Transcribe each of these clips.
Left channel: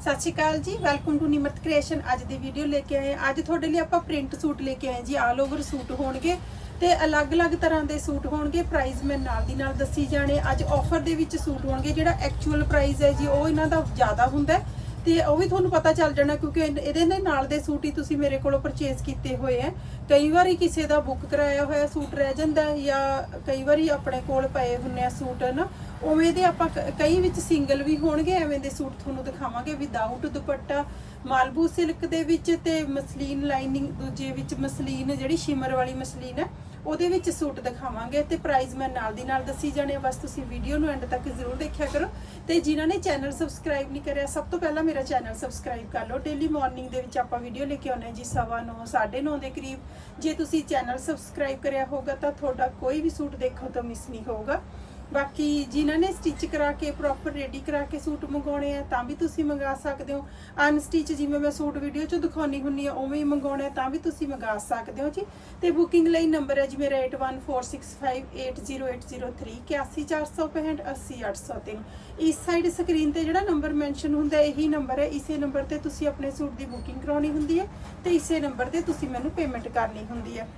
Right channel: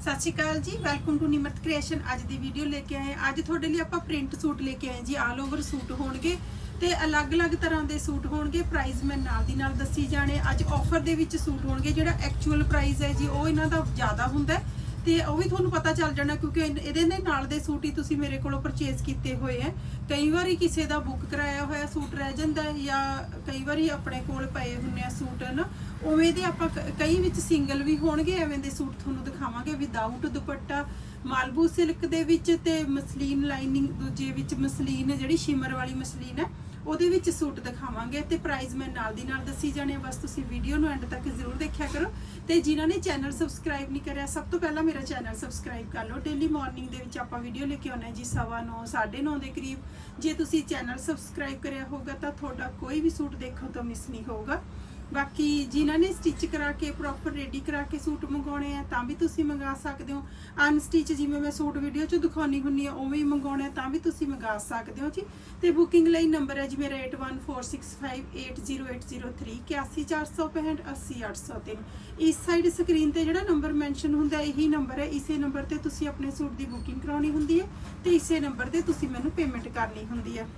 ਸਤਿ ਸ਼੍ਰੀ ਅਕਾਲ ਜੀ welcome to Nimrat creation ਅੱਜ ਦੀ ਵੀਡੀਓ ਲੈ ਕੇ ਆਏ ਅੱਜ ਤੁਹਾਡੇ ਲਈ ਆਪਾਂ ਪ੍ਰਿੰਟ ਸੂਟ ਲੈ ਕੇ ਆਏ ਜੀ ਆਲ ਓਵਰ ਸੂਟ ਹੋਣਗੇ ਤੇ ਅਲੱਗ-ਅਲੱਗ ਤਰ੍ਹਾਂ ਦੇ ਸੂਟ ਹੋਣਗੇ। ਪ੍ਰਾਈਸ ਮੈਂ ਨਾਲ ਦੀ ਨਾਲ ਦੱਸੀ ਜਾਣੇ ਅੱਜ ਆਫਰ ਦੇ ਵਿੱਚ ਸੂਟ ਹੋਣਗੇ। ਜਿਹੜਾ ਐਕਚੁਅਲ ਪ੍ਰਾਈਸ ਹੈ ਜੀ, ਉਹ ਇਹਨਾਂ ਦਾ ਜ਼ਿਆਦਾ ਹੁੰਦਾ ਹੈ ਤੇ ਉਹ ਵੀ ਤੁਹਾਨੂੰ ਪਤਾ ਚੱਲ ਜਾਣਾ ਕਿਉਂਕਿ ਇਹਦੇ ਨੇ ਨਾਲ ਦੇ ਸੂਟ ਹੀ ਤੁਸੀਂ ਮੇਰੇ ਕੋਲੋਂ ਪਰਚੇਸ ਕੀਤੇ ਹੋਏ ਹੈ। ਕਈ ਵਾਰੀ ਕਿਸੇ ਦਾ ਬੁੱਕ ਕਰਾਇਆ ਹੋਇਆ ਸੂਟ ਰਹਿ ਜਾਂਦਾ ਹੈ ਜਾਂ ਕਈ ਵਾਰੀ ਆਪਣੇ ਕੋਲ ਪਏ ਹੁੰਨੇ ਆ ਸੂਟ ਨਾ? ਉਵੇਂ ਦੇ ਆਪਾਂ ਕ- ਕਈ ਵਿੱਚ ਸਿੰਗਲ ਵੀ ਹੋਣਗੇ, ਐਵੇਂ ਦੇ ਸੂਟ ਤੁਹਾਨੂੰ ਦਿਖਾਵਾਂਗੇ ਵਿਦਆਊਟ ਦੁਪੱਟਾ, ਮਾਲਬੂ ਸਿਲਕ ਦੇ ਵਿੱਚ ਤੇ ਮਸਲੀਨ ਲਾਈਨਿੰਗ ਦੂਜੇ ਵਿੱਚ ਮਸਲੀਨ, ਜਿਹੜੀ ਸ਼ਿਮਰ ਵਾਲੀ ਮਸਲੀਨ ਹੈ, ਉਹਦੇ ਵਿੱਚ ਸੂਟ ਦਿਖਾਵਾਂਗੇ ਤੇ ਪ੍ਰਾਈਸ ਮੈਂ ਨਾਲ ਦੀ ਨਾਲ ਦੱਸੀ ਜਾਣੇ ਬਸ ਤੁਸੀਂ ਵੀਡੀਓ ਨੂੰ ਐਂਡ ਤੱਕ ਜ਼ਰੂਰ ਦੇਖਿਆ ਕਰੋ। ਤੇ ਜਿਨ੍ਹਾਂ ਨੇ ਚੈਨਲ ਸਬਸਕ੍ਰਾਈਬ ਨਹੀਂ ਕਰਿਆ, ਸਭ ਤੋਂ ਪਹਿਲਾਂ ਮੇਰਾ ਚੈਨਲ ਸਬਸਕ੍ਰਾਈਬ ਕਰ ਲਓ। ਡੇਲੀ ਮਾਰਨਿੰਗ ਦੇ ਵਿੱਚ ਆਪਾਂ ਵੀਡੀਓ ਲੈ ਕੇ ਆਉਂਦੇ ਹਾਂ ਜੀ 9:30 9:30 ਦੇ ਕਰੀਬ। ਜੇ ਤੁਸੀਂ ਚੈਨਲ ਸਬਸਕ੍ਰਾਈਬ ਕਰਿਆ ਹੋਗਾ ਤਾਂ ਤੁਹਾਡਾ ਕੋਈ ਵੀ ਸੂਟ ਦੇਖਣ ਤੋਂ ਮਿਸ ਨਹੀਂ ਹੋਊਗਾ। ਬਾਕੀ ਜਿਨ੍ਹਾਂ ਨੇ ਸਟਿਚ ਕਰਾ ਕੇ ਪ੍ਰੋਪਰ ਰੈਡੀ ਕਰਾ ਕੇ ਸੂਟ ਮੰਗਾਉਣੇ ਆ, ਤਾਂ ਵੀ ਤੁਸੀਂ ਮੰਗਾ ਸਕਦੇ ਹੋ। ਅਨਸਟਿਚ ਜਿਵੇਂ ਮੈਂ ਸੂਟ ਵੀਡੀਓ 'ਚ ਦਿਖਾਉਣੀ ਹੁੰਨੀ ਆ ਉਵੇਂ ਹੀ ਮੰਗਾਉਣੇ ਤਾਂ ਵੀ ਤੁਸੀਂ ਮੰਗਾ ਸਕਦੇ ਹੋ ਜੀ। ਤੇ ਬੁਕਿੰਗ ਲਈ ਨੰਬਰ ਹੈ ਜੀ ਮੇਰਾ 8146580803 81465 80803 ਇਸ ਸਾਈਡ ਸਕਰੀਨ ਤੇ ਜਿਹੜਾ ਨੰਬਰ ਮੈਂਸ਼ਨ ਹੁੰਦਾ ਇਹੀ ਨੰਬਰ ਹੈ। ਇਸੇ ਨੰਬਰ ਤੇ ਤੁਸੀਂ ਆਪਣੇ ਸੂਟ ਦੀ ਬੁਕਿੰਗ ਕਰਾਉਣੀ ਹੁੰਦੀ ਹੈ ਤੇ ਇਸੇ ਨੰਬਰ ਤੇ ਤੁਸੀਂ ਮੈਨੂੰ ਪੇਮੈਂਟ ਕਰਨੀ ਹੁੰਦੀ ਹੈ।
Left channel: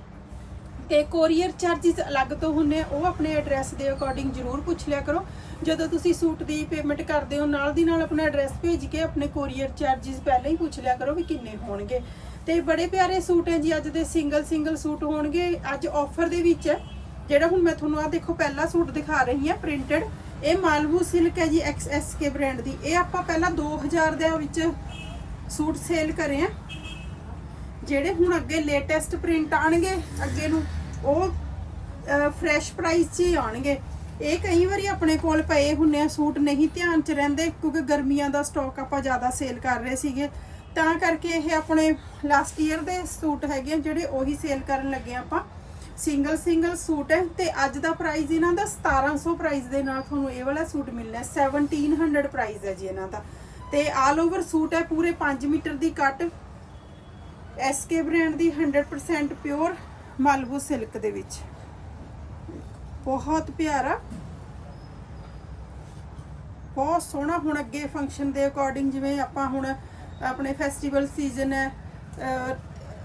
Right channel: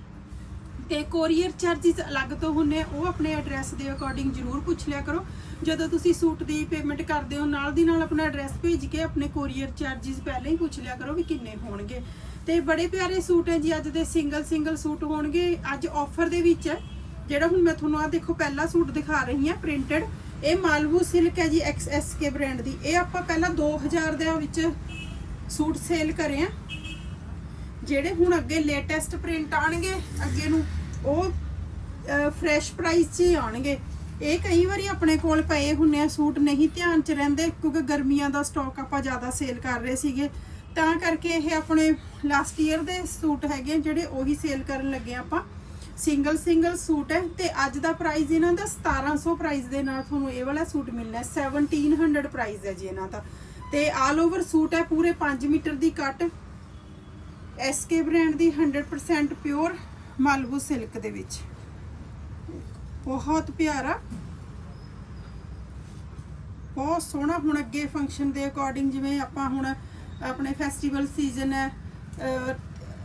ਤੇ ਕੋਰੀਅਰ ਚਾਰजेस ਅਲੱਗ ਤੋਂ ਹੁੰਨੇ ਉਹ ਆਪਣੇ ਐਡਰੈਸ ਦੇ ਅਕੋਰਡਿੰਗ ਜ਼ਰੂਰ ਪੁੱਛ ਲਿਆ ਕਰੋ। ਜਦੋਂ ਤੁਸੀਂ ਸੂਟ ਦੀ ਪੇਮੈਂਟ ਕਰਦੇ ਹੋ, ਨਾਲ ਦੀ ਨਾਲ ਆਪਣਾ ਐਡਰੈਸ ਭੇਜ ਕੇ ਆਪਣੇ ਕੋਰੀਅਰ ਚਾਰजेस ਪਹਿਲਾਂ ਹੀ ਪੁੱਛ ਲਿਆ ਕਰੋ ਵੀ ਕਿੰਨੇ ਹੋਣਗੇ। ਤੇ ਬੜੇ ਪਿਆਰੇ ਸੂਟ ਹੈ ਜੀ, ਅੱਜ ਦੇ ਸਿੰਗਲ ਸਿੰਗਲ ਸੂਟ ਹੋਣਗੇ। ਅੱਜ ਆਫਰ ਦੇ ਵਿੱਚ ਹੈ, ਜਿਹੜਾ ਹੁਣ ਮੈਂ ਤੁਹਾਨੂੰ ਆ ਦੇਖੋ, ਪਹਿਲਾ ਸੂਟ ਦਿਖਾ ਰਹੀ ਹਾਂ ਪ੍ਰਿੰਟਡ ਇਹ ਮਾਲਵੂ ਸਿਲਕ ਹੈ ਜੀ ਐਕਸ ਐਸ ਕੇ ਬ੍ਰਾਂਡ ਦੀ। ਇਹ ਆਪਾਂ ਪਹਿਲਾਂ 2000 ਦੇ ਵਿੱਚ ਸੂਟ ਸੇਲ ਕਰੇ ਆ ਜਿਹੜੇ ਹੁਣ ਅੱਗੇ ਲੇਟੈਸਟ ਪ੍ਰਿੰਟ ਆਣਗੇ ਅੱਗੇ ਨੂੰ, ਉਹ ਫਰੈਸ਼ ਪ੍ਰਾਈਸ 'ਚ ਹੀ ਆਉਣਗੇ। ਇਹ ਕਈ ਵਾਰੀ ਆਪਣੇ ਕੋਲ ਪਏ ਹੁੰਨੇ ਆ, ਸੂਟ ਨਹੀਂ ਧਿਆਨ 'ਚ ਰਹਿੰਦੇ, ਕਿਉਂਕਿ ਗਰਮੀਆਂ ਦਾ ਸਟਾਕ ਆਪਾਂ ਜ਼ਿਆਦਾ ਸੇਲ ਕਰ ਰਹੇ ਸੀਗੇ। ਤਾਂ ਕਰਕੇ ਇਹ ਆਪਣੇ ਲਾਸਟ ਈਅਰ ਦੇ ਸੂਟ ਹੈਗੇ ਆ, ਜਿਹੜੇ ਉਹੀ ਸੇਲ ਕਰਨ ਲੱਗੇ ਆ ਆਪਾਂ। ਸਿੰਗਲ ਸਿੰਗਲ ਸੂਟ ਹੈ ਤੇ ਅੱਜ ਦਾ ਪ੍ਰਾਈਸ ਇਹਨਾਂ ਦਾ 1700 ਪ੍ਰਾਈਸ ਦੇ ਨਾਲ ਤੁਹਾਨੂੰ ਇਹ ਵਾਲਾ ਸੂਟ ਮਿਲਣਾ ਹੈ। 1700 ਪ੍ਰਾਈਸ ਹੈ ਜੀ ਇਹਨਾਂ ਦਾ। ਤੇ ਆਲ ਓਵਰ ਸੂਟ ਹੈ, ਪੂਰੇ 5 ਮੀਟਰ ਦੀ ਕੱਟ। ਐਸਕੇ ਬ੍ਰਾਂਡ ਦੀ 100% ਪਿਓਰ ਮਾਲਵੂ ਸਿਲਕ ਦੇ ਵਿੱਚ। ਬਹੁਤ ਪਿਆਰਾ। ਬਹੁਤ ਸੋਹਣਾ ਹੁਣ ਅੱਗੇ ਫੰਕਸ਼ਨ ਦੇ ਅਕੋਰਡਿੰਗ ਜਿਵੇਂ ਆਪਾਂ ਹੁਣ ਆਪਣੇ ਫੈਸਟੀਵਲ ਸੀਜ਼ਨ ਹੈ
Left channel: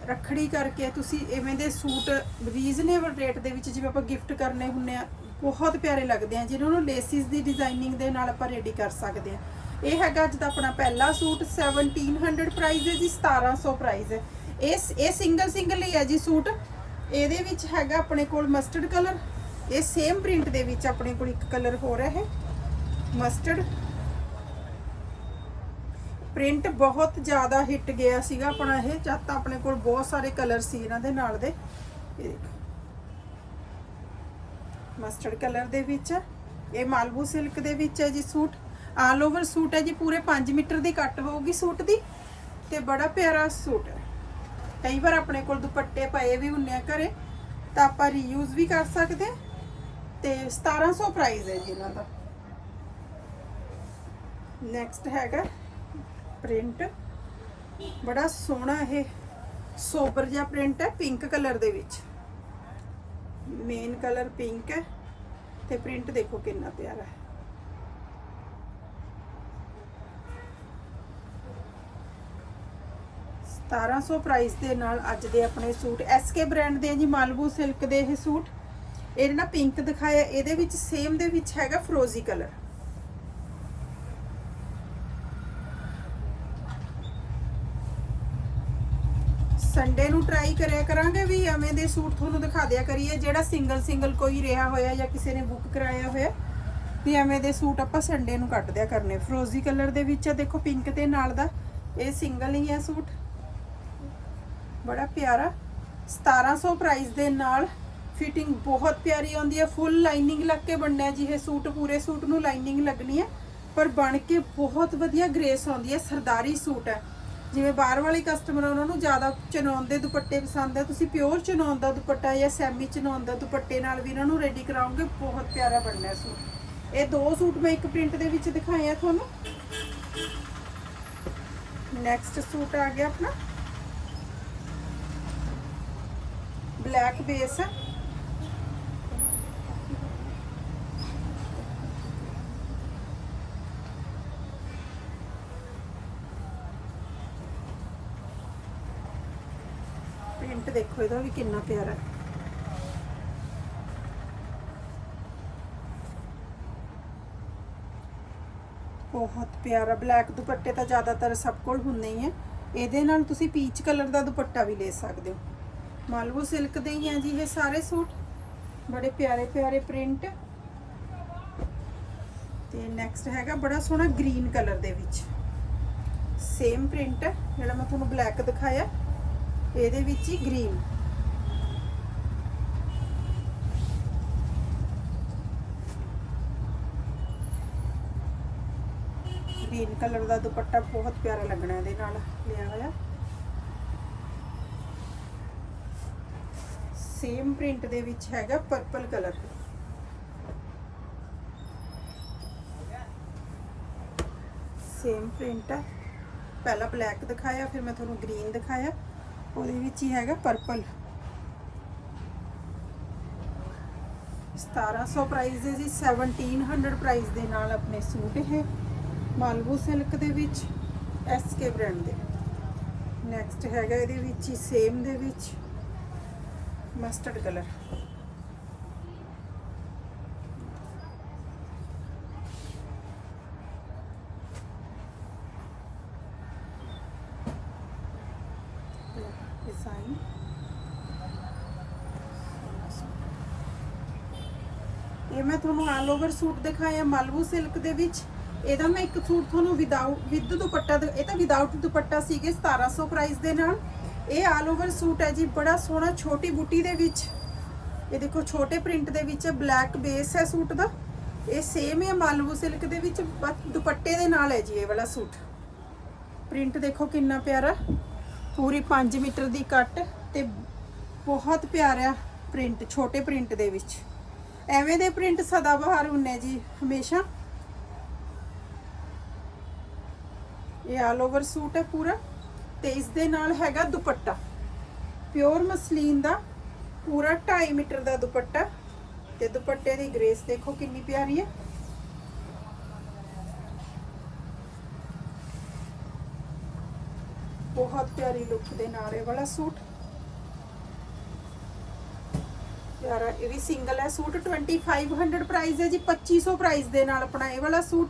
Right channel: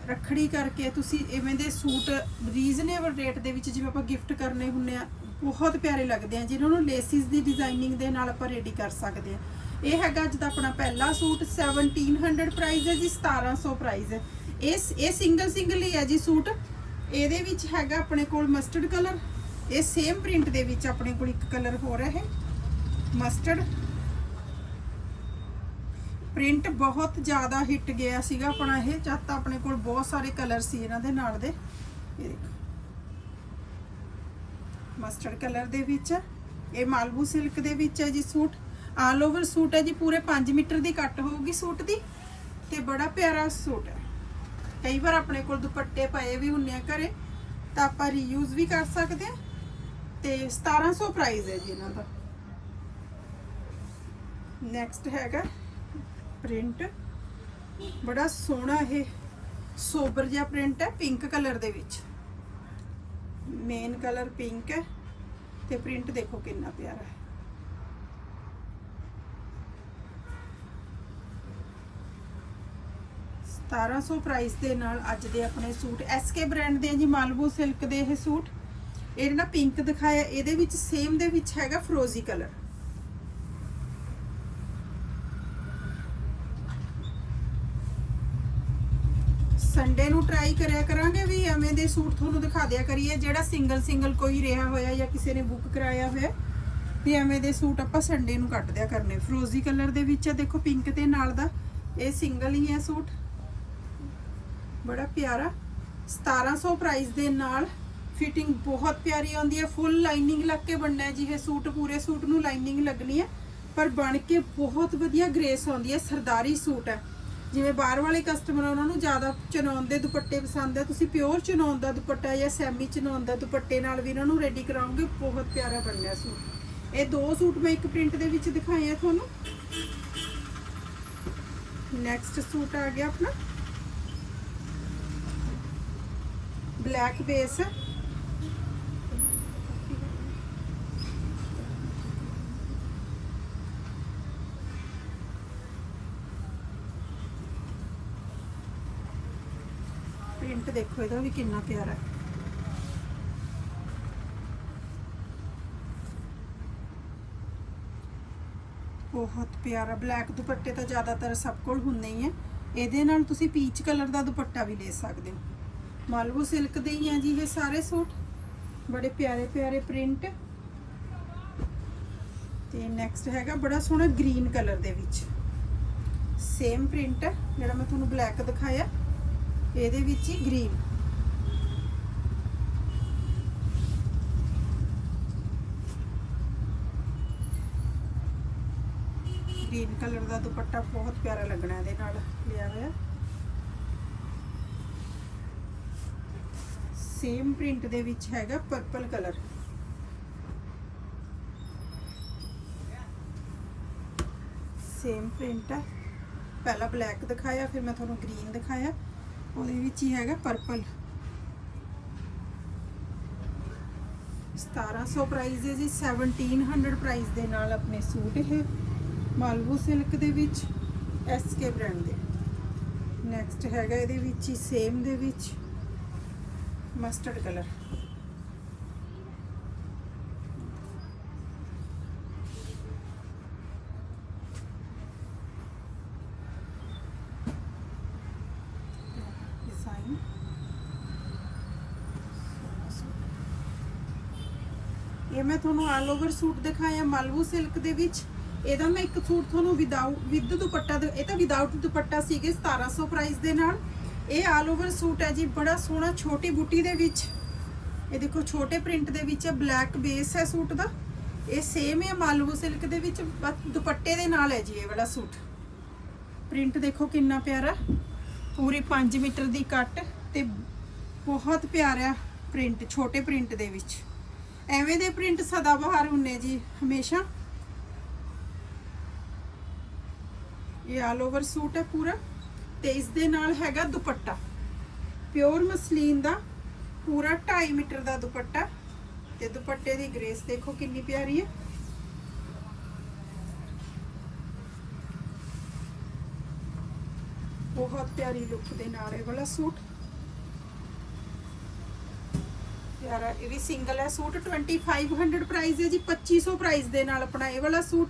ਰੱਖੜੀ ਕਰਕੇ ਤੁਸੀਂ ਇਵੇਂ ਦੇ ਸੂਟ ਰੀਜ਼ਨੇਬਲ ਰੇਟ ਦੇ ਵਿੱਚ ਜਿਵੇਂ ਆਪਾਂ ਗਿਫਟ ਕਰਨੇ ਹੁੰਨੇ ਆ, ਬਹੁਤ ਪਿਆਰੇ ਲੱਗਦੇ ਆ, ਜਿਹਨਾਂ ਨੂੰ ਲੇਸਿਸ ਦੀ ਡਿਜ਼ਾਈਨਿੰਗ ਦੇ ਨਾਲ ਆਪਾਂ ਰੈਡੀ ਕਰ ਸਕਦੇ ਆ। ਇਹ ਹੈਗਾ ਅੱਜ ਦਾ ਆਪਣਾ ਪਹਿਲਾ ਸੂਟ 1700 ਪ੍ਰਾਈਸ ਹੈ ਜੀ 1700 ਪ੍ਰਾਈਸ ਹੈ। ਇਹ ਇਹ ਸਿੰਗਲ ਸਿੰਗਲ ਹੀ ਹੈ ਜੀ ਸੂਟ। ਇਹਦੇ ਵਿੱਚ ਹੈਗਾ ਆਪਣੇ ਕੋਲ ਮਸਟਰਡ ਕਲਰ ਇਹ ਸੇਮ ਪ੍ਰਿੰਟ ਦੇ ਵਿੱਚ ਆਪਣੇ ਕੋਲ ਇੱਕ ਕਲਰ ਹੋ ਰਿਹਾ ਹੈ। ਮਸਟਰਡ ਪ੍ਰਿੰਟ ਬਹੁਤ ਜ਼ਿਆਦਾ ਹਿੱਟ ਗਿਆ ਸੀਗਾ ਆਪਣਾ ਇਹ। ਜਦ ਤਾਂ ਆਪਣੇ ਕੋਲ ਬਹੁਤ ਸਾਰੇ ਕਲਰ ਸੀ ਇਹਨਾਂ ਦੇ ਨਾਲ ਦੇ। ਦੇਖੋ। ਮਸਟਰਡ ਕਲਰ ਦੇ ਵਿੱਚ। ਇਹ ਮਾਲਬੂ ਸਿਲਕ ਦੇ ਵਿੱਚ ਹੈ ਜੀ ਸੂਟ। ਆਲ ਓਵਰ ਸੂਟ ਹੈ ਜੀ, ਪੂਰੇ 5 ਮੀਟਰ ਦੀ ਕੱਟ ਹੋਊਗੀ ਸੂਟ ਦੀ। ਤੇ ਬੜਾ ਪਿਆਰਾ ਸੂਟ ਹੈ। ਕਈ ਵਾਰ ਆਪਣੇ ਕੋਲ ਦੁਪੱਟੇ ਪਏ ਵੀ ਹੁੰਨੇ ਆ ਘਰੇ, ਤਾਂ ਆਪਾਂ ਰੀਯੂਜ਼ ਵੀ ਕਰ ਸਕਦੇ ਆ। ਤੇ 1700 ਪ੍ਰਾਈਸ ਹੈ ਜੀ ਇਹਨਾਂ ਦਾ। ਨੈਕਸਟ ਹੈਗਾ ਪ੍ਰਿੰਟ ਬੜਾ ਸੋਹਣਾ ਇਹ ਸੋਬਰ ਜਿਹਾ ਪ੍ਰਿੰਟ ਹੈ ਪਿੰਕ ਕਲਰ ਦੇ ਵਿੱਚ। ਮੇਨ ਕਲਰ ਪਿੰਕ ਹੈ। ਤੇ ਪ੍ਰਿੰਟ ਦੇਖੋ ਕਿੰਨਾ ਪਿਆਰਾ ਹੈ। ਸਤਾਰਾਂ ਸੌ ਪ੍ਰਾਈਸ ਦੇ ਨਾਲ ਅੱਜ ਦੇ ਆਪਣੇ ਸੂਟ। ਐਸਕੇ ਬ੍ਰਾਂਡ ਦੇ ਜੀ ਮਾਲਬੂ ਸਿਲਕ ਦੇ ਇਹ ਸੂਟ। ਇਹ ਨਾ ਪਿੰਕ ਦਿਖਾਇਆ। ਇਹਦੇ ਵਿੱਚ ਸੇਮ ਦੇ ਵਿੱਚ ਹੈਗਾ ਫਰੋਜ਼ੀ ਕਲਰ ਸੰਡੇ ਨੂੰ ਟਰਾਈ ਕਰਿਆ ਕਰਾਂਗੇ ਵੀ ਐਵੇਂ ਦੇ ਸੂਟ ਤੁਹਾਨੂੰ ਦਿਖਾ ਦਿਆ ਕਰੀਏ, ਜਿਹੜਾ ਸਿੰਗਲ ਸਿੰਗਲ ਕੋਈ ਰਿਹਾ ਹੋਇਆ ਜਾਂ ਕਿਸੇ ਨੇ ਬੁੱਕ ਕਰਾਇਆ ਹੋਇਆ, ਵੀ ਐਵੇਂ ਦੇ ਸੂਟ ਆਪਾਂ ਸੰਡੇ ਨੂੰ ਕੱਟ ਦਿਆ ਕਰਨੇ। ਫਰੋਜ਼ੀ ਕਲਰ ਦੇ ਵਿੱਚ ਆ, ਦੇਖੋ ਪਿੰਕ ਤੇ ਨਾਲ ਦਾ। ਇਹ ਸਿੰਗਲ ਹੀ ਹੈ ਸੂਟ। ਬੜਾ ਪਿਆਰਾ। 1700 ਪ੍ਰਾਈਸ ਦੇ ਨਾਲ ਫਿਟਿੰਗ ਬਹੁਤ ਪਿਆਰੀ ਆਉਂਦੀ ਹੈ। ਫੁੱਲ ਲਾਈਨਿੰਗ ਲੱਗ ਕੇ ਬਣਨਾ ਹੈ ਜੀ ਇਹ ਸੂਟ। ਪੂਰੇ ਸੂਟ ਨੂੰ ਲਾਈਨਿੰਗ ਲੱਗਣੀ ਹੈ। ਪਰ ਬਣ ਕੇ ਬਹੁਤ ਵਧੀਆ ਗ੍ਰੇਸ ਆਉਂਦੀ ਹੈ। ਸਰਦਾਰੀ ਸੂਟ ਹੈ। ਜਿਵੇਂ ਬਾਹਰ ਵਾਲੇ ਕਸਟਮਰ ਉਹਨਾਂ ਨੂੰ ਜ਼ਿਆਦਾ ਚਨੌਨ ਦੇ ਦੁਪੱਟੇ ਪਸੰਦ ਹੈ। ਤੁਸੀਂ ਪਿਓਰ ਚਨੌਨ ਦਾ ਦੁਪੱਟਾ ਜਾਂ ਸੈਮੀ ਚਨੌਨ ਦਾ ਦੁਪੱਟੇ ਨਾਲ ਵੀ ਇਹਨਾਂ ਨੂੰ ਰੈਡੀ ਕਰਾਉਂਗੇ ਬਹੁਤ ਪਿਆਰਾ ਬਣਨਾ ਸੂਟ। ਇਹ ਦੋ ਸੂਟ ਮੈਂ ਇੱਕ ਪ੍ਰਿੰਟ ਦੇ ਵਿੱਚ ਦਿਖਾਏ ਆ ਤੁਹਾਨੂੰ। ਨੈਕਸਟ ਸੂਟ ਆ ਗਿਆ ਆਪਣਾ। Black base. ਹੈ ਪ੍ਰਿੰਟ ਦੇਖੋ, ਇਹਦਾ ਵੀ ਕਿੰਨਾ ਪਿਆਰਾ ਹੈ। ਬਹੁਤ ਪਿਆਰਾ ਬਲੈਕ ਦੁਪੱਟੇ ਤਾਂ ਜ਼ਿਆਦਾਤਰ ਸਭ ਕੋਲ ਹੁੰਦੇ ਹੀ ਆ ਇਹਦੇ ਨਾਲ ਤੁਸੀਂ ਪੀਚ ਕਲਰ ਦਾ ਦੁਪੱਟਾ ਵੀ ਲੈ ਸਕਦੇ ਹੋ। ਮਾਲਵੋ ਸਿਲਕ ਦੇ ਹੀ ਆ ਜੀ ਇਹ ਸਾਰੇ ਸੂਟ। ਬੜੇ ਪਿਆਰੇ ਪਿਆਰੇ ਪ੍ਰਿੰਟ। ਤੇ ਨੈਕਸਟ ਹੈਗਾ ਬੜਾ ਸੋਹਣਾ ਗ੍ਰੀਨ ਕਲਰ ਦੇ ਵਿੱਚ। ਸੇਮ ਪ੍ਰਿੰਟ ਜਿਹੜਾ ਮੈਂ ਤੁਹਾਨੂੰ ਬਲੈਕ ਦਿਖਾਇਆ। ਇਹਦੇ ਵਿੱਚ ਹੀ ਗ੍ਰੀਨ ਗ੍ਰੀਨ ਕਲਰ ਦਾ ਦੁਪੱਟਾ ਬਹੁਤ ਪਿਆਰਾ ਲੱਗਣਾ ਇਹਦੇ ਨਾਲ। ਲਿਆ ਹੋਇਆ। ਸੇਮ ਪ੍ਰਿੰਟ ਦੇ ਵਿੱਚ ਹੈਗਾ ਪਰਪਲ ਕਲਰ ਸੇਮ ਪ੍ਰਿੰਟ ਹੈ ਪਹਿਲਾਂ ਬਲੈਕ ਦਿਖਾਇਆ, ਫਿਰ ਮੈਂ ਤੁਹਾਨੂੰ ਗ੍ਰੀਨ ਦਿਖਾਇਆ। ਉਹਦੇ ਵਿੱਚ ਹੀ ਹੈਗਾ ਪਰਪਲ 1700 ਪ੍ਰਾਈਸ ਦੇ ਜੀ 1700 ਪ੍ਰਾਈਸ ਦੇ ਨਾਲ ਆਪਣੇ ਸੂਟ ਇਹ ਮਾਲਵੂ ਸਿਲਕ ਦੇ ਵਿੱਚ ਐਸਕੇ ਬ੍ਰਾਂਡ ਦੇ। ਨੈਕਸਟ ਹੈਗਾ ਇਹਦੇ ਵਿੱਚ ਹੀ ਸੇਮ ਦੇ ਵਿੱਚ। ਮਸਟਰਡ ਕਲਰ ਡਿਜ਼ਾਈਨ ਇਹ ਮੈਂ ਤੁਹਾਨੂੰ ਆਲ ਓਵਰ ਸੂਟ ਦਿਖਾਇਆ ਮਾਲਵੂ ਸਿਲਕ ਦੇ ਵਿੱਚ। ਇਹਦਾ ਮੈਂ ਇੱਕ ਸੂਟ ਤੁਹਾਨੂੰ ਵਿਦਆਊਟ ਵਿਦ ਦੁਪੱਟਾ ਦਿ- ਇਹ ਤਾਂ ਵਿਦਆਊਟ ਦੁਪੱਟਾ ਸੀਗੇ 1700 ਪ੍ਰਾਈਸ ਦੇ ਨਾਲ। ਇਹ ਆਲ ਓਵਰ ਸੂਟ ਹੈ ਜੀ, ਬੜਾ ਸੋਹਣਾ ਛੋਟੀ ਬੂਟੀ ਦੇ ਵਿੱਚ। ਇਹ ਦੇਖੋ, ਛੋਟੇ ਪ੍ਰਿੰਟ ਦੇ ਵਿੱਚ ਬਲੈਕ ਬੇਸ ਹੈ ਸੂਟ ਦਾ। ਇਹ ਸੇਮ ਹੈ ਮਾਲਵੂ ਸਿਲਕ ਦੇ ਵਿੱਚ, ਬਸ ਦੁਪੱਟੇ ਦੇ ਨਾਲ ਹੈ ਜੀ ਇਹ ਵਾਲਾ ਸੂਟ। ਪ੍ਰਿੰਟ ਦੇਖੋ ਕਿੰਨਾ ਪਿਆਰਾ ਪੂਰੀ 5 ਮੀਟਰ ਦੀ ਕੱਟ ਤੇ ਬਹੁਤ ਪਿਆਰਾ ਪ੍ਰਿੰਟ, ਛੋਟੇ ਪ੍ਰਿੰਟ ਦੇ ਵਿੱਚ। ਐਵੇਂ ਦੇ ਪ੍ਰਿੰਟ ਸਦਾ ਬਹਾਰ ਹੁੰਨੇ ਜੀ, ਹਮੇਸ਼ਾ। ਇਹ ਆਲ ਓਵਰ ਸੂਟ ਹੈ ਪੂਰਾ। ਤੇ ਇਸ ਦੇ ਨਾਲ ਹੈਗਾ ਦੁਪੱਟਾ। ਪਿਓਰ ਮਸਲੀਨ ਦਾ ਪੂਰਾ 2.5 ਮੀਟਰ ਦਾ ਦੁਪੱਟਾ ਤੇ ਦੁਪੱਟੇ ਦੀ ਗ੍ਰੇਸ ਦੇਖੋ ਕਿੰਨੀ ਪਿਆਰੀ ਹੈ। ਬਹੁਤ ਪਿਆਰੀ ਲੁੱਕ ਦੇ ਨਾਲ ਇਹ ਵਾਲਾ ਸੂਟ। ਪਿਆਰਾ ਇਹ ਵੀ ਸਿੰਗਲ ਹੈ ਸੂਟ। 2500 ਪ੍ਰਾਈਸ ਹੈ ਜੀ 2500 ਪ੍ਰਾਈਸ ਦੇ ਨਾਲ ਆਪਣਾ ਇਹ ਵਾਲਾ ਸੂਟ।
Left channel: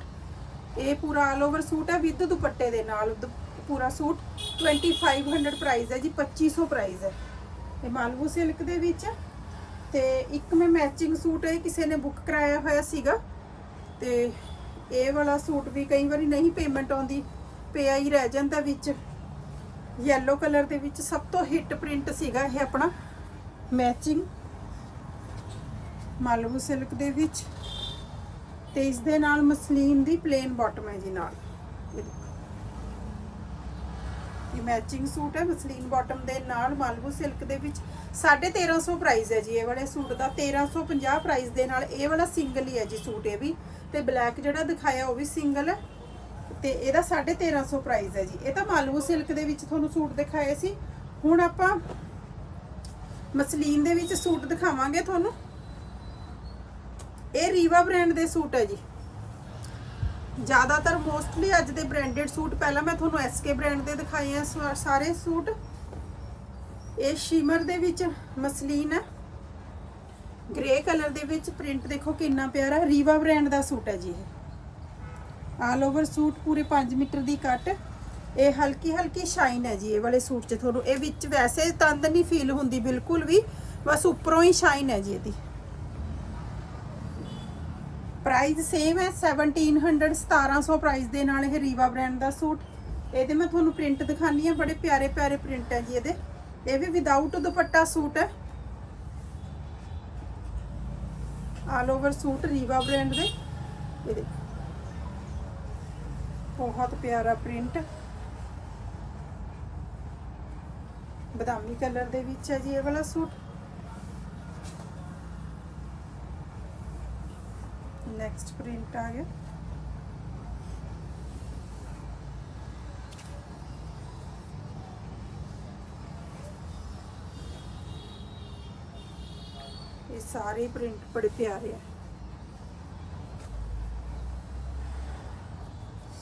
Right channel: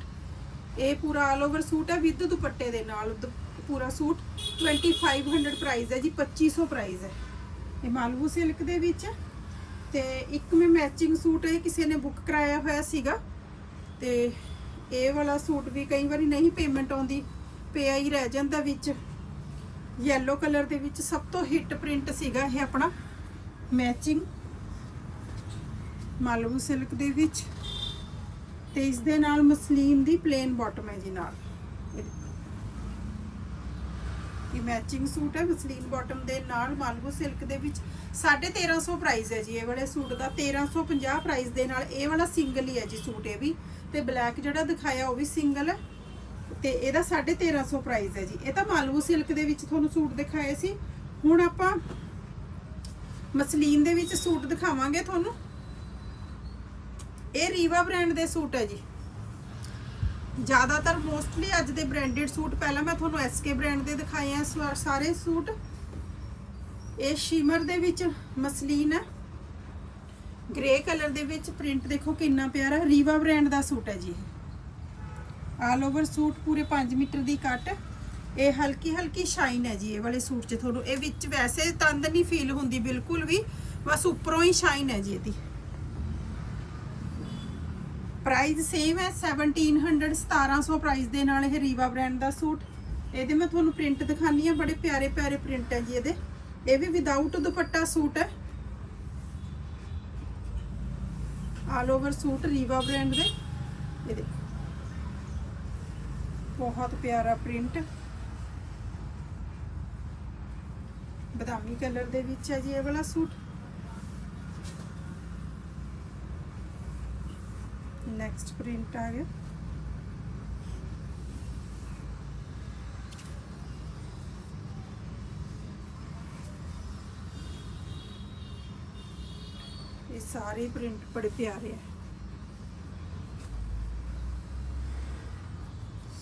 ਇਹ ਪੂਰਾ ਆਲ ਓਵਰ ਸੂਟ ਹੈ ਵਿਦ ਦੁਪੱਟੇ ਦੇ ਨਾਲ ਦੁ- ਪੂਰਾ ਸੂਟ। 2500 ਪ੍ਰਾਈਸ ਹੈ ਜੀ 2500 ਪ੍ਰਾਈਸ ਹੈ। ਇਹ ਮਾਲਵੂ ਸਿਲਕ ਦੇ ਵਿੱਚ ਹੈ। ਤੇ ਇੱਕ ਮੈਂ ਮੈਚਿੰਗ ਸੂਟ ਇਹ ਕਿਸੇ ਨੇ ਬੁੱਕ ਕਰਾਇਆ ਹੋਇਆ ਸੀਗਾ। ਤੇ ਇਹ ਵਾਲਾ ਸੂਟ ਵੀ ਕਈ ਵਾਰੀ ਨਹੀਂ ਪੇਮੈਂਟ ਆਉਂਦੀ ਪਿਆ ਹੀ ਰਹਿ ਜਾਂਦਾ ਵਿੱਚ। ਯੈਲੋ ਕਲਰ ਦੇ ਵਿੱਚ ਸਭ ਤੋਂ ਹਿੱਟ ਪ੍ਰਿੰਟ ਸੀਗਾ ਇਹ ਆਪਣਾ। ਮੈਚਿੰਗ ਮਾਲਵੂ ਸਿਲਕ ਦੇ ਵਿੱਚ। ਤੇ ਇਸ ਦੇ ਨਾਲ ਮਸਲੀਨ ਦੀ ਪਲੇਨ ਬਾਟਮ ਹੈ ਜੀ ਨਾਲ ਇਹ ਦੇਖੋ। ਇਹ ਮੈਚਿੰਗ ਸੂਟ ਹੈ ਮਸਲੀਨ ਬਾਟਮ ਦੇ ਨਾਲ ਮਾਲਵੂ ਸਿਲਕ ਦੇ ਵਿੱਚ 1350 ਪ੍ਰਾਈਸ ਹੈ ਜੀ। ਇਹ ਵਾਲੇ ਸੂਟ ਦਾ 1350 ਪ੍ਰਾਈਸ ਦੇ ਨਾਲ ਇਹ ਵਾਲਾ ਸਿੰਗਲ ਹੀ ਹੈ ਜੀ ਸੂਟ ਇਹ ਵੀ। ਤੇ ਬਲੈਕ ਜਿਹੜਾ ਦਿਖਾਇਆ ਉਹ ਵੀ ਸਿੰਗਲ ਹੈ। ਤੇ ਇਹਦਾ 1350 ਪ੍ਰਾਈਸ ਹੈ ਜੀ। ਇਹ ਤਾਂ ਮਾਲਵੂ ਸਿਲਕ ਦੇ ਵਿੱਚ ਤੁਹਾਨੂੰ ਸੂਟ ਦਿਖਾਏ ਸੀ। ਹੁਣ ਆਪਾਂ ਮਸਲੀਨ ਦੇ ਵਿੱਚ ਸੂਟ ਦਿਖਾਵਾਂਗੇ ਤੁਹਾਨੂੰ। ਇਹ ਰੀਵਾ ਬ੍ਰਾਂਡ ਦੇ ਸੂਟ ਹੈ ਜੀ। ਜ਼ਿਆਦਾਤਰ ਮੋਸਟਲੀ ਅੱਜ ਦੇ ਬ੍ਰਾਂਡਡ ਸੂਟ, ਪਹਿਲਾਂ ਮੈਂ ਤੁਹਾਨੂੰ ਐਸਕੇ ਬ੍ਰਾਂਡ ਦੇ ਦਿਖਾਏ ਆ ਸਵਾ- ਸਾਰੇ ਸੂਟ। ਇਹ ਸ਼ਿਮਰ ਦੇ ਵਿੱਚ ਮਸਲੀਨ ਹੈ। ਗ੍ਰੇ ਕਲਰ ਦੇ ਵਿੱਚ ਪ੍ਰਿੰਟ ਦੇਖੋ ਕਿੰਨਾ ਪਿਆਰਾ ਰੀਵਾ ਬ੍ਰਾਂਡ ਦਾ ਸੂਟ ਹੈ ਜੀ ਇਹ। ਆਲ ਓਵਰ ਸੂਟ ਪੂਰੇ 5 ਮੀਟਰ ਦੀ ਕੱਟ ਇਹ ਹਲਕੀ ਹਲਕੀ ਸ਼ਾਈਨ ਹੈ ਜੀ ਇਹ ਵਾਲੇ ਸੂਟ 'ਚ ਤੁਹਾਨੂੰ। ਇਹ ਵਿੱਚ ਵੈਸੇ ਤੰਦ ਨਹੀਂ ਫੀਲ ਹੁੰਦੀ ਬਿਲਕੁਲ ਵੀ, ਬਸ ਉੱਪਰੋਂ ਹੀ ਸ਼ਾਈਨ ਹੈ ਜੀ ਇਹਦੀ। ਪ੍ਰਾਈਸ ਸੇਮ ਹੈ 1700 1700 ਪ੍ਰਾਈਸ ਦੇ ਨਾਲ ਇਹ ਰੀਵਾ ਬ੍ਰਾਂਡ ਦਾ ਸੂਟ। ਇਹਦੇ ਮੈਂ ਤੁਹਾਨੂੰ ਪ੍ਰਿੰਟ ਦਿਖਾਨੀ ਆ, ਬੜੇ ਪਿਆਰੇ ਪਿਆਰੇ ਪ੍ਰਿੰਟ ਹੈ ਜੀ ਇਹਦੇ। ਇਹ ਵੀ ਵਿਦਆਊਟ ਦੁਪੱਟਾ ਸੂਟ ਹੈ। All over suit Riva brand ਦੇ। ਇਹ ਦੇਖੋ। ਬਹੁਤ ਪਿਆਰਾ ਪ੍ਰਿੰਟ ਬਦਾਮੀ ਕਲਰ ਦੇ ਵਿੱਚ ਹੈ ਜੀ ਇਹ ਵਾਲਾ ਸੂਟ। ਨੈਕਸਟ ਪ੍ਰਿੰਟ ਆ ਗਿਆ ਇਹ ਸਾਰੇ ਪ੍ਰਿੰਟ ਬੜੇ ਪਿਆਰੇ ਆ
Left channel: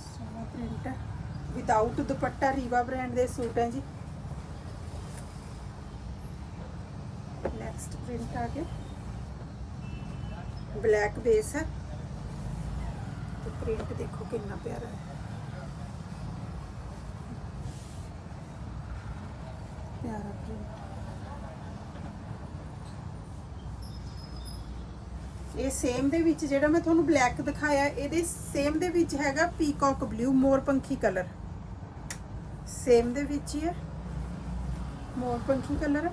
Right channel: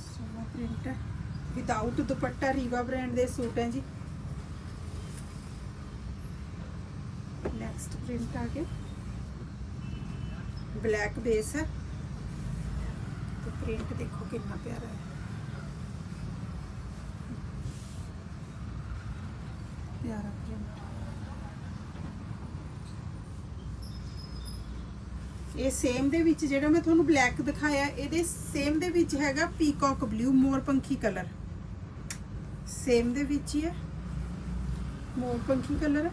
ਸੋਹਣਾ ਪ੍ਰਿੰਟ ਹੈ ਵਿਦਆਊਟ ਦੁਪੱਟਾ ਰੀਵਾ ਬ੍ਰਾਂਡ ਦੇ ਸੂਟ ਹੈ ਜੀ ਨੈਕਸਟ ਪ੍ਰਿੰਟ ਆ ਗਿਆ ਬਲੈਕ ਬੇਸ ਹੈ ਤੇ ਪ੍ਰਿੰਟ ਦੇਖੋ ਕਿੰਨਾ ਪਿਆਰਾ ਹੈ। ਪਿਆਰਾ ਪ੍ਰਿੰਟ ਇਹ ਸੇਮ ਦੇ ਵਿੱਚ ਜਿਹੜਾ ਮੈਂ ਤੁਹਾਨੂੰ ਬਲੈਕ ਦਿਖਾਇਆ, ਇਹਦੇ ਸੇਮ ਦੇ ਵਿੱਚ ਹੈਗਾ ਪੀਕੌਕ ਬਲੂ ਮੋਰ ਪੰਖੀ ਕਲਰ ਸੇਮ ਦੇ ਵਿੱਚ ਹੀ ਹੈ। ਮੋਰ ਪੰਖੀ ਕਲਰ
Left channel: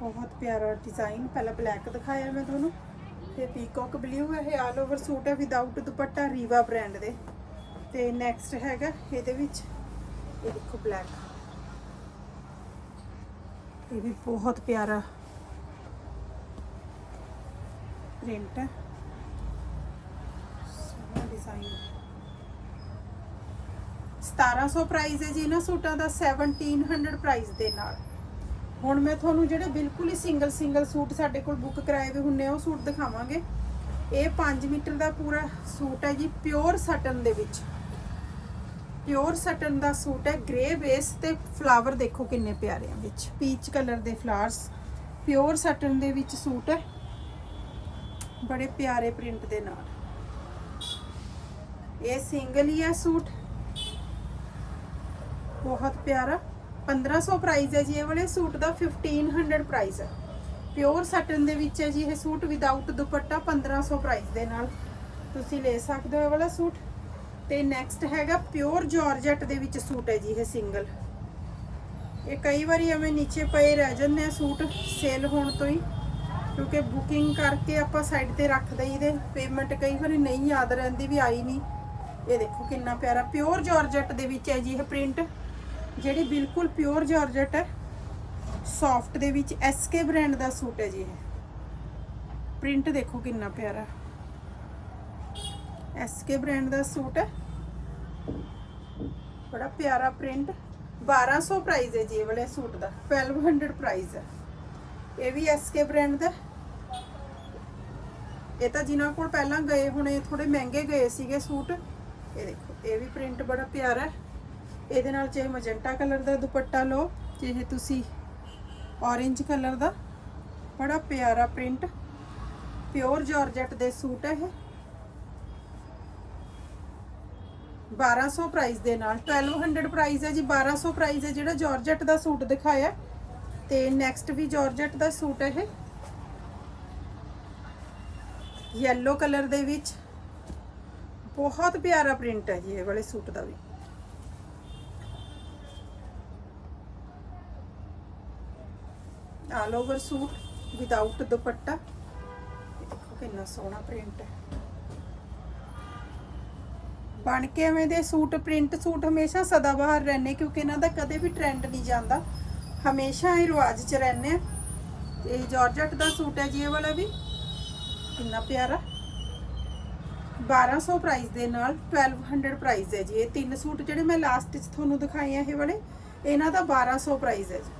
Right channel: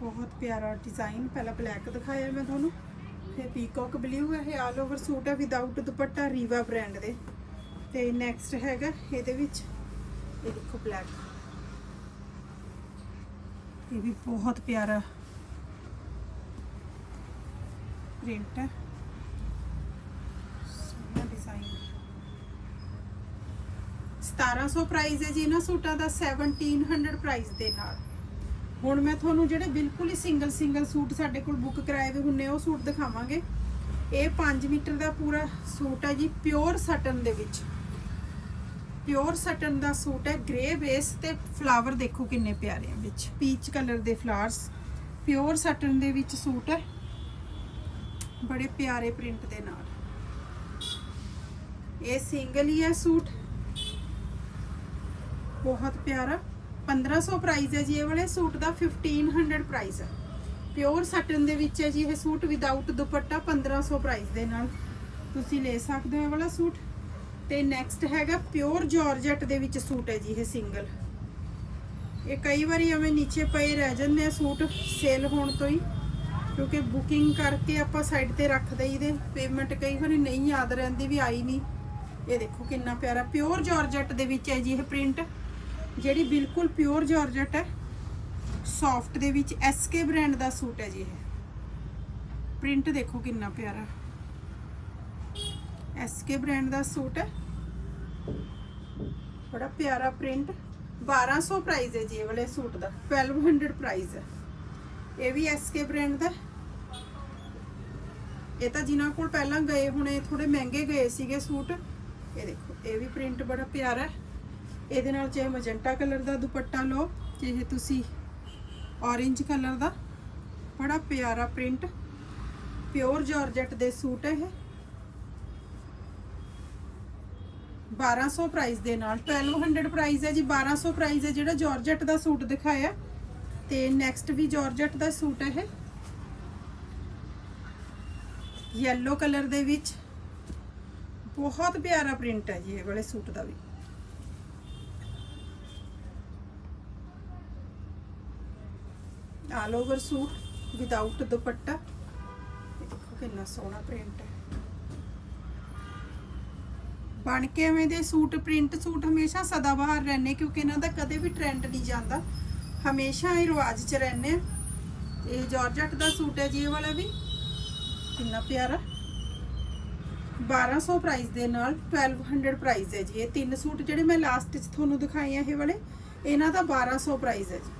ਬਹੁਤ ਪਿਆਰਾ ਡਿਜ਼ਾਈਨ ਪਹਿਲਾਂ ਬਲੈਕ ਦਿਖਾਇਆ ਮੈਂ ਤੁਹਾਨੂੰ, ਤੇ ਪੀਕੌਕ ਬਲੂ ਹੈ ਇਹ ਆਲ ਓਵਰ ਸੂਟ ਹੈ ਵਿਦਆਊਟ ਦੁਪੱਟਾ ਰੀਵਾ ਬ੍ਰਾਂਡ ਦੇ। ਤੇ ਨੈਕਸਟ ਹੈਗਾ, ਇਹਦੇ ਵਿੱਚ, ਇਹ ਦੇਖੋ ਬਲੈਕ ਇਹ ਵੀ ਬਹੁਤ ਪਿਆਰਾ ਪ੍ਰਿੰਟ ਹੈ ਸੋਹਣਾ ਡਿਜ਼ਾਈਨ 1700 ਪ੍ਰਾਈਸ ਹੈ ਜੀ ਇਹਨਾਂ ਸੂਟਾਂ ਦਾ 1700 ਪ੍ਰਾਈਸ ਦੇ ਨਾਲ। ਹੁਣ ਮੈਂ ਤੁਹਾਨੂੰ ਜਿਹੜੇ ਬਿਲਕੁਲ ਹੀ ਸਿੰਗਲ ਸਿੰਗਲ ਸੂਟ ਸਾਡੇ ਕੋਲ ਬੁੱਕ ਕਰਾਏ ਹੋਏ ਹੁੰਨੇ ਉਹ ਸੂਟ ਦਿਖਾਵਾਂਗੇ। ਇਹ 5 ਮੀਟਰ ਦਾ ਪੂਰਾ ਸੂਟ ਹੈ ਜੀ, ਪਿਓਰ ਸਟਨ ਦੇ ਵਿੱਚ। ਪਿਓਰ ਸਟਨ ਦਾ ਸੂਟ ਹੈ ਗ੍ਰੇ ਬੇਸ ਤੇ ਫਲਾਵਰ ਦੇਖੋ ਕਿੰਨੇ ਪਿਆਰੇ ਆ ਵਿੱਚ। ਪੀਚ ਕਲਰ ਦੇ ਫਲਾਵਰਸ ਪਿਓਰ ਸਟਨ ਦੇ ਵਿੱਚ ਸੂਟ ਹੈ। ਬੜੇ ਪਿਆਰੇ ਪ੍ਰਿੰਟ ਦੇ ਨਾਲ। ਇਹ ਸਿੰਗਲ ਹੀ ਹੈ ਸੂਟ। ਬਹੁਤ ਪਿਆਰਾ। 1500 ਪ੍ਰਾਈਸ ਹੈ ਜੀ, ਇਹ ਵਾਲੇ ਸੂਟ ਦਾ 1500 ਪ੍ਰਾਈਸ ਹੈ। ਪਿਓਰ ਸਟਨ ਦੇ ਵਿੱਚ ਹੈ ਜੀ, ਇਹ ਸੂਟ ਵਿਦਆਊਟ ਦੁਪੱਟਾ 1500 ਪ੍ਰਾਈਸ ਦੇ ਨਾਲ। ਤੁਸੀਂ ਲੈ ਸਕਦੇ ਹੋ ਇਹ ਵਾਲਾ ਸੂਟ। ਤੇ ਨੈਕਸਟ ਹੈਗਾ ਪਿਓਰ ਜਾਰਜਟ ਦੇ ਵਿੱਚ ਸੂਟ ਹੈ ਜੀ, ਇਹ ਸਿੰਗਲ ਇਹ ਕਈ ਵਾਰੀ ਐਵੇਂ ਨੀਚੇ ਪਏ ਰਹਿ ਜਾਂਦੇ ਆ ਸੂਟ ਸੇਲ ਹੋਣ ਤੋਂ ਹੀ। ਕਿਉਂਕਿ ਬੁਕਿੰਗ ਕਰਕੇ ਆਪਾਂ ਸਾਈਡ ਤੇ ਰੱਖ ਦਈਦੇ ਪੇਮੈਂਟ ਕਈ ਵਾਰੀ ਨਹੀਂ ਯਾਦ ਰਹਿੰਦੀ ਵੀ ਆਈ ਨਹੀਂ। ਇਹ ਦੇਖੋ ਕਿੰਨਾ ਪਿਆਰਾ। ਪਿਓਰ ਜਾਰਜਟ ਦੇ ਵਿੱਚ ਹੈ ਜੀ, ਇਹ ਪ੍ਰਿੰਟ ਜਿਹੜੀ ਬਿਲਕੁਲ ਪਿਓਰ ਜਾਰਜਟ ਹੈ ਸੌਫਟ ਦੇ ਵਿੱਚ ਐਸਕੇ ਬ੍ਰਾਂਡ ਦਾ ਸੂਟ ਹੈ ਜੀ ਇਹ। ਪ੍ਰਿੰਟ ਦੇਖੋ ਕਿੰਨਾ ਪਿਆਰਾ। ਐਸਕੇ ਬ੍ਰਾਂਡ ਦਾ ਸੂਟ ਹੈ। ਬੜਾ ਪਿਆਰਾ ਪ੍ਰਿੰਟ 1200 ਪ੍ਰਾਈਸ ਹੈ ਜੀ ਇਹ ਵਾਲੇ ਸੂਟ ਦਾ। 1200 ਪ੍ਰਾਈਸ ਹੈ। ਇਹ ਵੀ ਐਸਕੇ ਬ੍ਰਾਂਡ ਦਾ। ਇਹ ਤਾਂ ਜਿਨ੍ਹਾਂ ਕੋਲ ਪਹਿਲਾਂ ਗਏ ਹੁਣੇ ਥੋੜੇ ਮਹਿੰਗੇ ਗਏ ਸੀਗੇ ਸੂਟ। ਇਹ ਦੇਖੋ, ਇਹ ਵੀ ਪ੍ਰਿੰਟ ਬੜਾ ਪਿਆਰਾ ਹੈ। ਇਹਦੇ ਨਾਲ ਚਾਹੇ ਮਜੈਂਟਾ ਕਲਰ ਦਾ ਦੁਪੱਟਾ ਲਓ, ਚਾਹੇ ਤੁਸੀਂ orange ਕਲਰ ਦਾ, ਬੜਾ ਪਿਆਰਾ ਪ੍ਰਿੰਟ ਪਿਓਰ ਜਾਰਜਟ ਦੇ ਸੂਟ ਹੈ ਇਹ। 1200 ਪ੍ਰਾਈਸ ਦੇ ਨਾਲ 1200 ਪ੍ਰਾਈਸ ਹੈ ਜੀ 1200 ਪ੍ਰਾਈਸ ਹੈ ਜਿਹੜਾ ਜਾਰਜਟ ਦਾ ਸੂਟ ਦਿਖਾਇਆ। ਤੇ ਨੈਕਸਟ ਵੀ ਜਾਰਜਟ ਦਾ ਸੂਟ ਹੈ ਇਹ। ਯੈਲੋ ਕਲਰ ਦੇ ਵਿੱਚ। ਬਹੁਤ ਪਿਆਰਾ ਪ੍ਰਿੰਟ ਹੈ ਜੀ ਇਹ ਵਾਲੇ ਸੂਟ ਦਾ ਵੀ। ਆਲ ਓਵਰ ਸੂਟ ਵਿਦਆਊਟ ਦੁਪੱਟਾ। ਕਿੰਨਾ ਸੋਹਣਾ ਪ੍ਰਿੰਟ ਹੈ। ਬਣ ਕੇ ਐਵੇਂ ਦੇ ਸੂਟ ਪ੍ਰਿੰਟ ਸੂਟ ਹਮੇਸ਼ਾ ਸਦਾਬਹਾਰ ਰਹਿੰਦੇ, ਕਿਉਂਕਿ ਇਹਨਾਂ ਦਾ ਕਦੇ ਵੀ ਟ੍ਰੈਂਡ ਨਹੀਂ ਜਾਂਦਾ। ਹਮੇਸ਼ਾ ਇਹ ਰਿਵਾਜ 'ਚ ਰਹਿੰਦੇ ਆ। ਤੇ ਜਾਰਜਟ ਦਾ ਸੂਟ ਹੈ ਜੀ, ਇਹ ਵਾਲਾ ਵੀ। ਕਿੰਨਾ ਪਿਆਰਾ। 1200 ਪ੍ਰਾਈਸ ਦੇ ਨਾਲ 1200 ਪ੍ਰਾਈਸ ਹੈ ਜੀ। ਇਹ ਤਿੰਨ ਸੂਟ ਜਿਹੜੇ ਮੈਂ ਲਾਸਟ 'ਚ ਤੁਹਾਨੂੰ ਦਿਖਾਏ ਆ, ਇਹ ਵਾਲੇ। ਇਹਨਾਂ ਦਾ 1200 ਪ੍ਰਾਈਸ ਹੈ ਜੀ।